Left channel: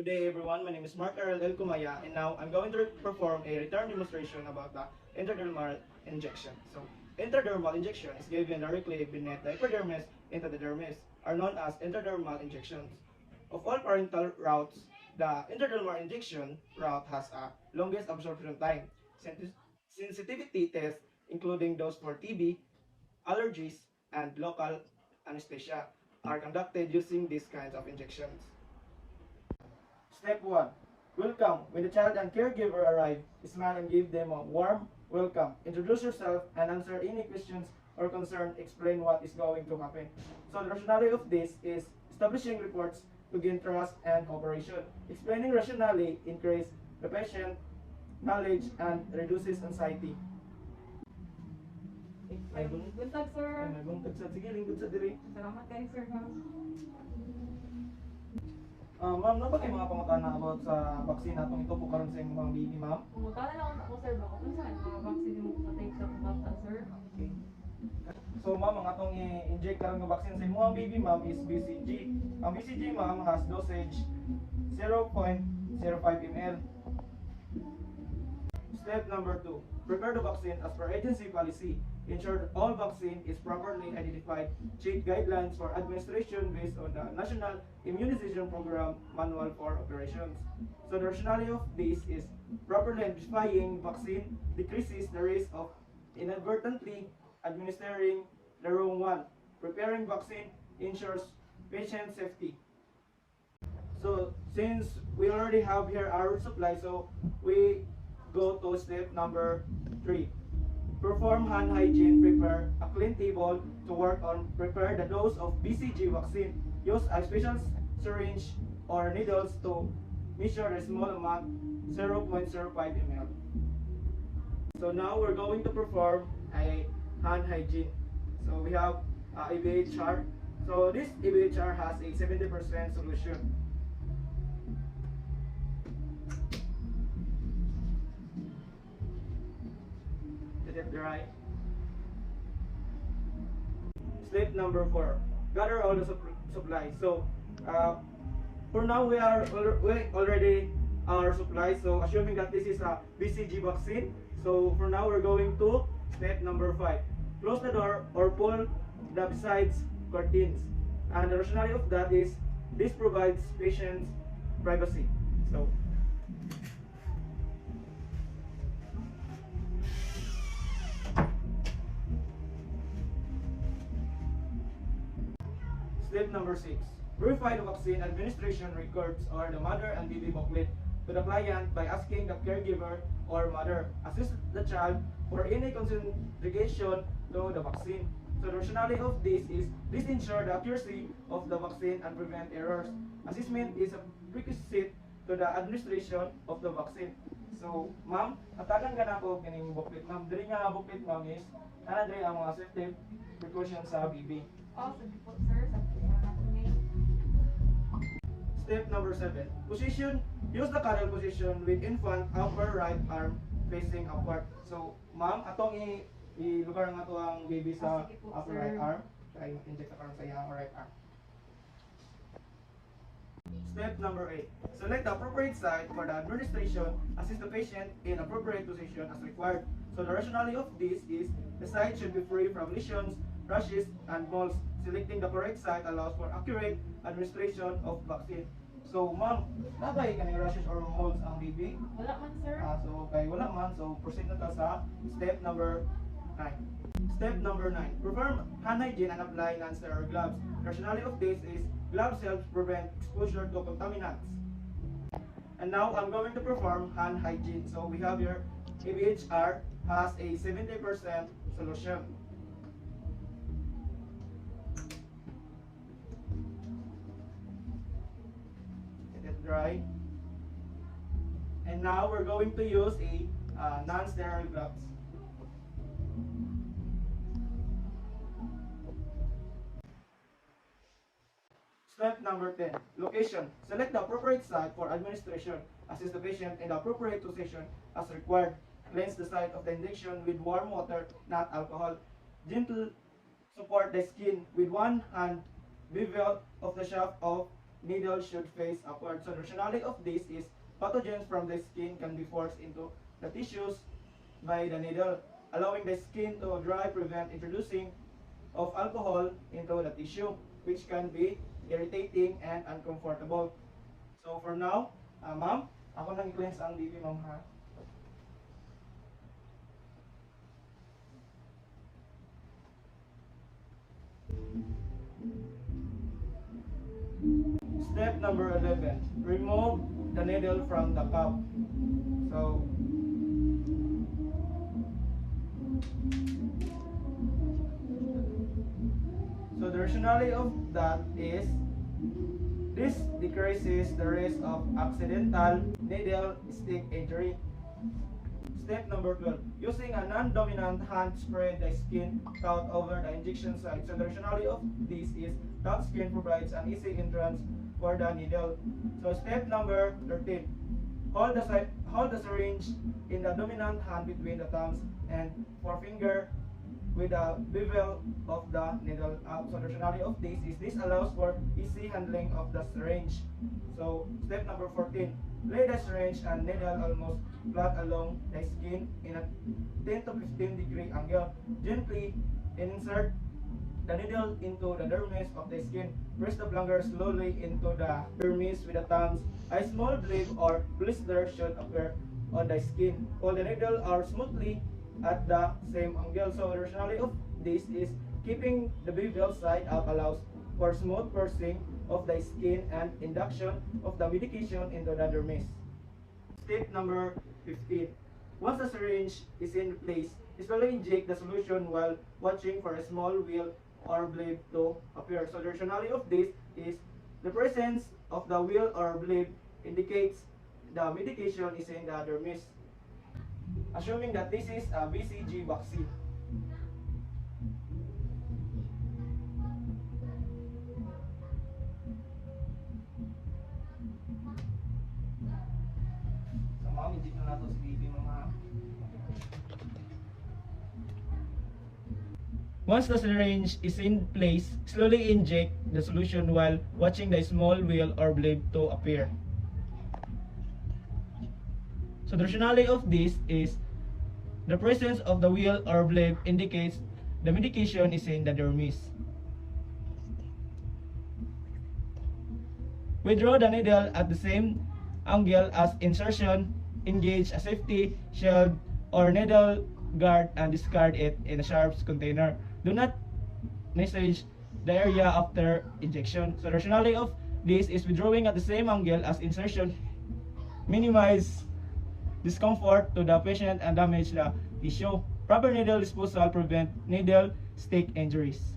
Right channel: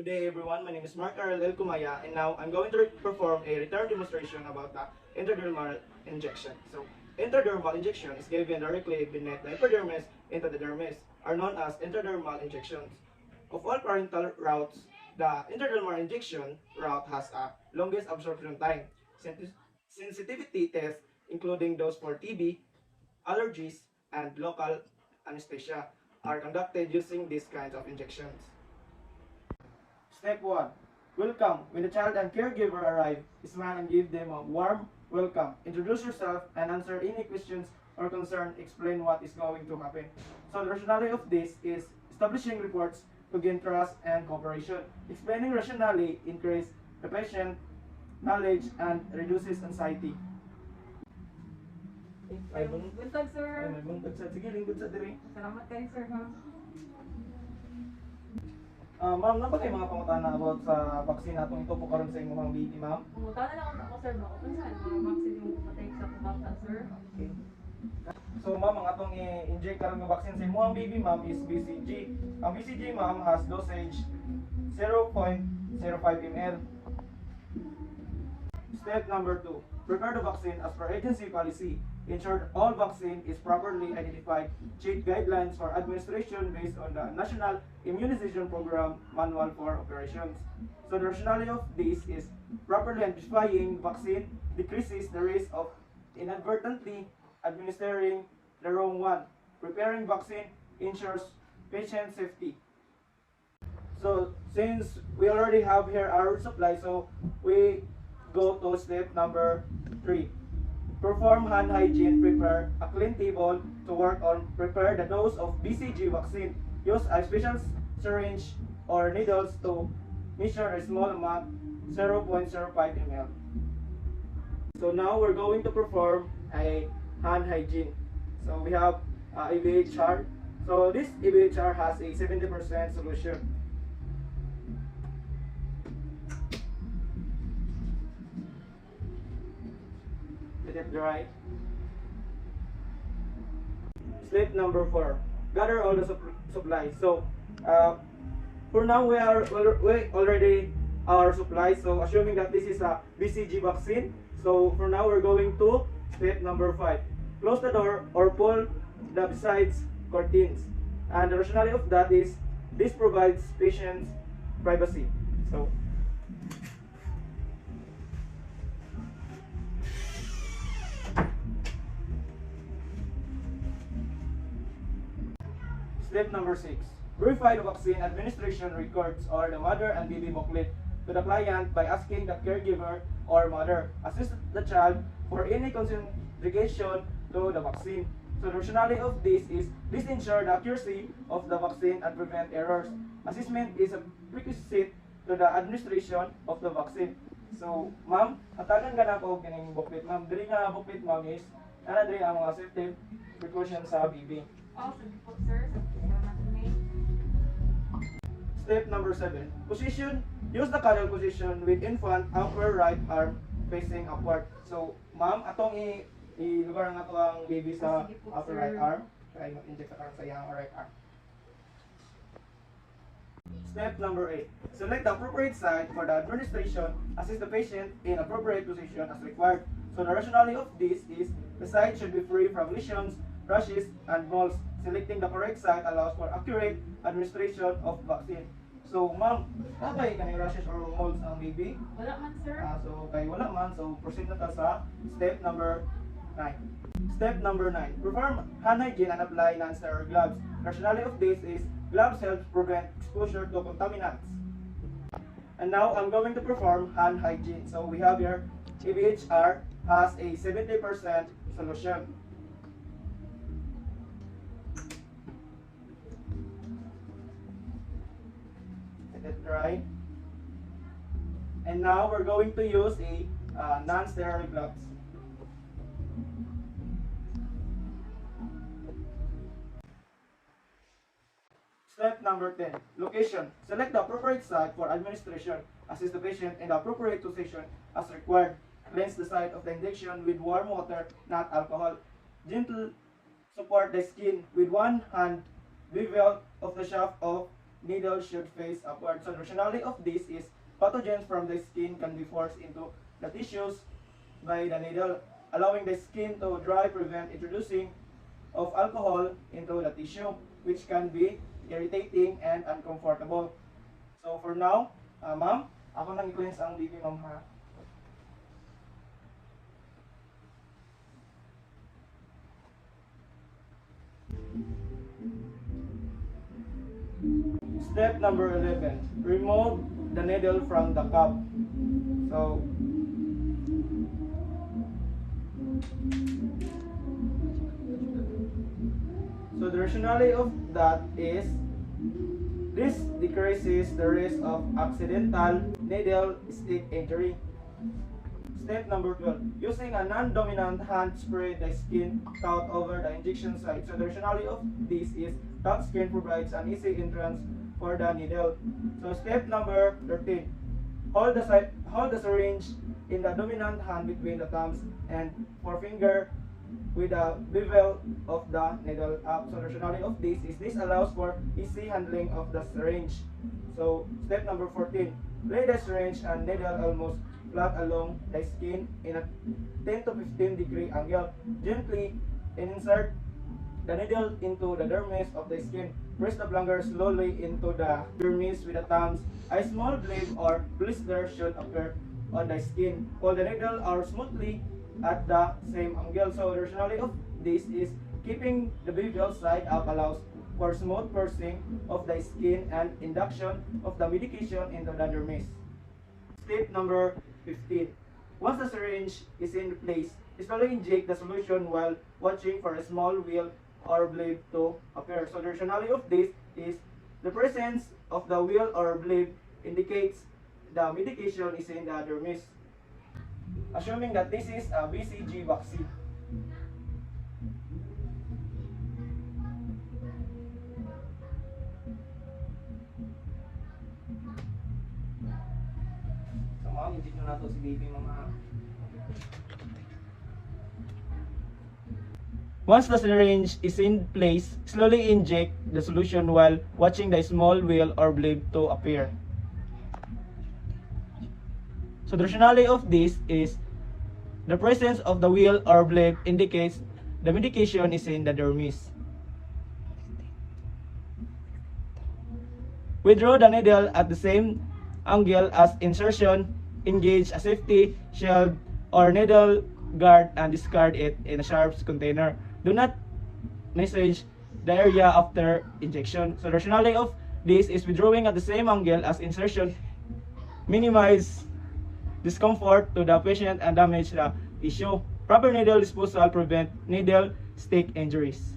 Good day everyone, my name is Mark Arel El Kumaya and now I'm going to perform a return demonstration about the intradermal injection. So, intradermal injection is given directly beneath the epidermis into the dermis, are known as intradermal injections. Of all parental routes, the intradermal injection route has a longest absorption time. Sensitivity tests, including those for TB, allergies, and local anesthesia, are conducted using these kinds of injections. Step 1. Welcome. When the child and caregiver arrive, smile and give them a warm welcome. Introduce yourself and answer any questions or concern. Explain what is going to happen. So the rationale of this is establishing reports to gain trust and cooperation. Explaining rationally increase the patient knowledge and reduces anxiety. Ay, Buntag, sir. buntag sa sige, lingkod sa diri. Salamat kayo, sir. Ma'am, ba kayo mga pangutana about sa vaccine atong ito po karon sa imong baby, ma'am? Pumunta na lang ako, sir. Baka kung saan mga vaccine mo patake sa kumata, sir. Okay. So, ma'am, ang atong i-inject karon nga vaccine sa imong baby, ma'am, is BCG. Ang BCG, ma'am, has dosage 0.05 ml. Step number 2. Prepare the vaccine as per agency policy. Ensure all vaccine is properly identified. Check guidelines for administration based on the National Immunization Program Manual for Operations. So the rationale of this is properly identifying vaccine decreases the risk of inadvertently administering the wrong one. Preparing vaccine ensures patient safety. So since we already have here our supply, so we go to step number 3. Perform hand hygiene. Prepare a clean table to work on. Prepare the dose of BCG vaccine. Use a special syringe or needles to measure a small amount, 0.05 ml. So now we're going to perform a hand hygiene. So we have EBHR. So this EBHR has a 70% solution. Let it dry. Step number 4. Gather all the supplies. So for now we already our supplies. So assuming that this is a BCG vaccine. So for now we're going to step number 5. Close the door or pull the besides curtains. And the rationale of that is this provides patients privacy. So step number 6. Verify the vaccine administration records or the mother and baby booklet to the client by asking the caregiver or mother. Assist the child for any contraindication to the vaccine. So the rationale of this is this ensure the accuracy of the vaccine and prevent errors. Assessment is a prerequisite to the administration of the vaccine. So, ma'am, hatagan ka na po kining booklet, ma'am. Diri nga booklet, ma'am, is ana diri ang mga safety precautions sa baby. Po, sir. Step number 7. Position. Use the cuddle position with infant upper right arm facing upward. So, ma'am, atong i-lugar nga to ang baby sa upper right arm. Kaya inject sa karon sa iyang right arm. Step number 8. Select the appropriate site for the administration. Assist the patient in appropriate position as required. So the rationale of this is the site should be free from lesions, rashes, and moles. Selecting the correct site allows for accurate administration of vaccine. So, ma'am, nakay ka na rashes or moles ang baby? Wala man, sir. So, kay wala man. So, proceed na ta sa step number 9. Step number 9. Perform hand hygiene and apply non-sterile gloves. Rationale of this is gloves help prevent exposure to contaminants. And now, I'm going to perform hand hygiene. So, we have here, EBHR has a 70% solution. Right? And now we're going to use a non-sterile gloves. Step number 10. Location. Select the appropriate site for administration. Assist the patient in the appropriate position as required. Cleanse the site of the injection with warm water, not alcohol. Gentle support the skin with one hand. Bevel of the shaft of needle should face upward. So the rationale of this is pathogens from the skin can be forced into the tissues by the needle, allowing the skin to dry, prevent introducing of alcohol into the tissue, which can be irritating and uncomfortable. So for now, ma'am, ako nang i-cleanse ang baby ma'am ha. Step number 11, remove the needle from the cup. So, the rationale of that is this decreases the risk of accidental needle stick injury. Step number 12, using a non-dominant hand spread the skin out over the injection site. So the rationale of this is that skin provides an easy entrance for the needle. So step number 13, hold the syringe in the dominant hand between the thumbs and forefinger with the bevel of the needle up. So the rationale of this allows for easy handling of the syringe. So step number 14, lay the syringe and needle almost flat along the skin in a 10 to 15 degree angle. Gently insert the needle into the dermis of the skin. Press the plunger slowly into the dermis with the thumbs. A small bleed or blister should appear on the skin. While the needle are smoothly at the same angle. So the rationale of this is keeping the bevel side up allows for smooth piercing of the skin and induction of the medication into the dermis. Step number 15. Once the syringe is in place, slowly inject the solution while watching for a small wheel or blade to appear. So the rationale of this is the presence of the wheel or blade indicates the medication is in the dermis, assuming that this is a BCG vaccine. So ma'am, inject nyo na ito si baby mga. Once the syringe is in place, slowly inject the solution while watching the small wheel or blade to appear. So the rationale of this is the presence of the wheel or blade indicates the medication is in the dermis. Withdraw the needle at the same angle as insertion. Engage a safety shield or needle guard and discard it in a sharp container. Do not massage the area after injection. So the rationale of this is withdrawing at the same angle as insertion. Minimize discomfort to the patient and damage the tissue. Proper needle disposal prevent needle stick injuries.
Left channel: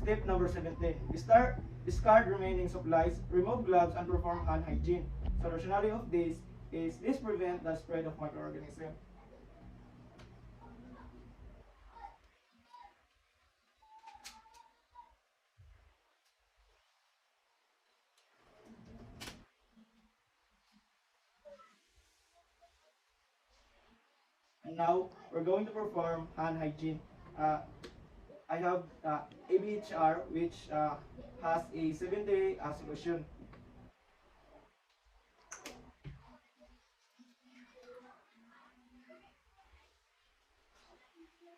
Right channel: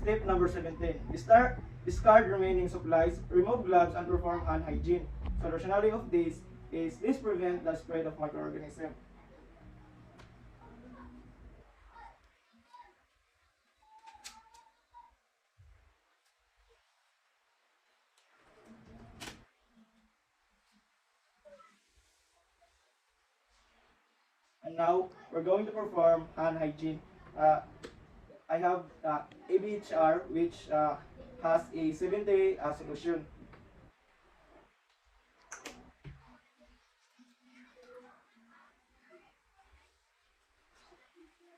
Step number 17. Discard remaining supplies, remove gloves, and perform hand hygiene. So the rationale of this is prevent the spread of microorganisms. And now we're going to perform hand hygiene. I have ABHR, which has a 7-day solution.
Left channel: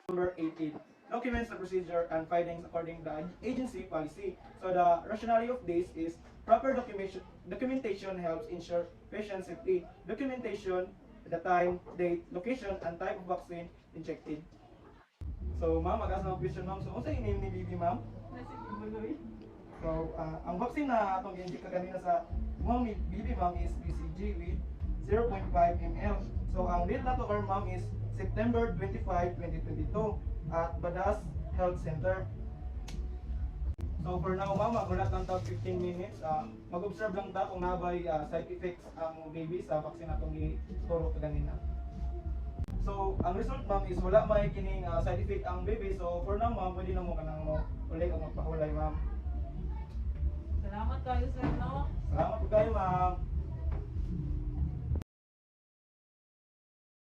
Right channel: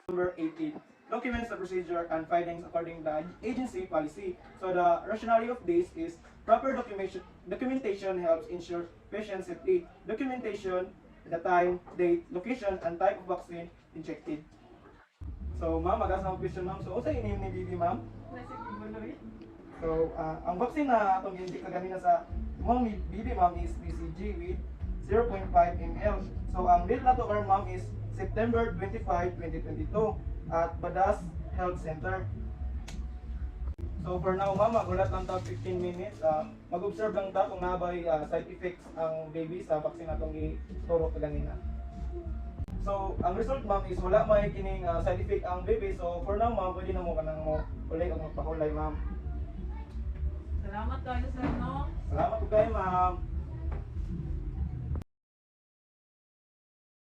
Number 18. Documents the procedure and findings according to the agency policy. So the rationale of this is proper documentation helps ensure patient safety. Documentation, the time, date, location, and type of vaccine injected. So ma'am, mag-asa akong question ma'am. So unsa ini ni baby ma'am? So ang vaccine na atong i-inject na ganina sa ma'am baby ma'am is BCG with 0.5 ml. So ang date na to or ma'am is September 25, 2022 at Badas Health Center. So for now ma'am, magulat lang ta 15 minutes. Mag-observe lang ta kung nabay side effects ang baby sa vaccine atong ituro kanina. So, ang result ma'am is wala may kining side effect ang baby. So, for now ma'am, pwede na mo kanang mo ulit ang magpakulay ma'am. Salamat kayo sa inyo. Salamat kayo ma'am.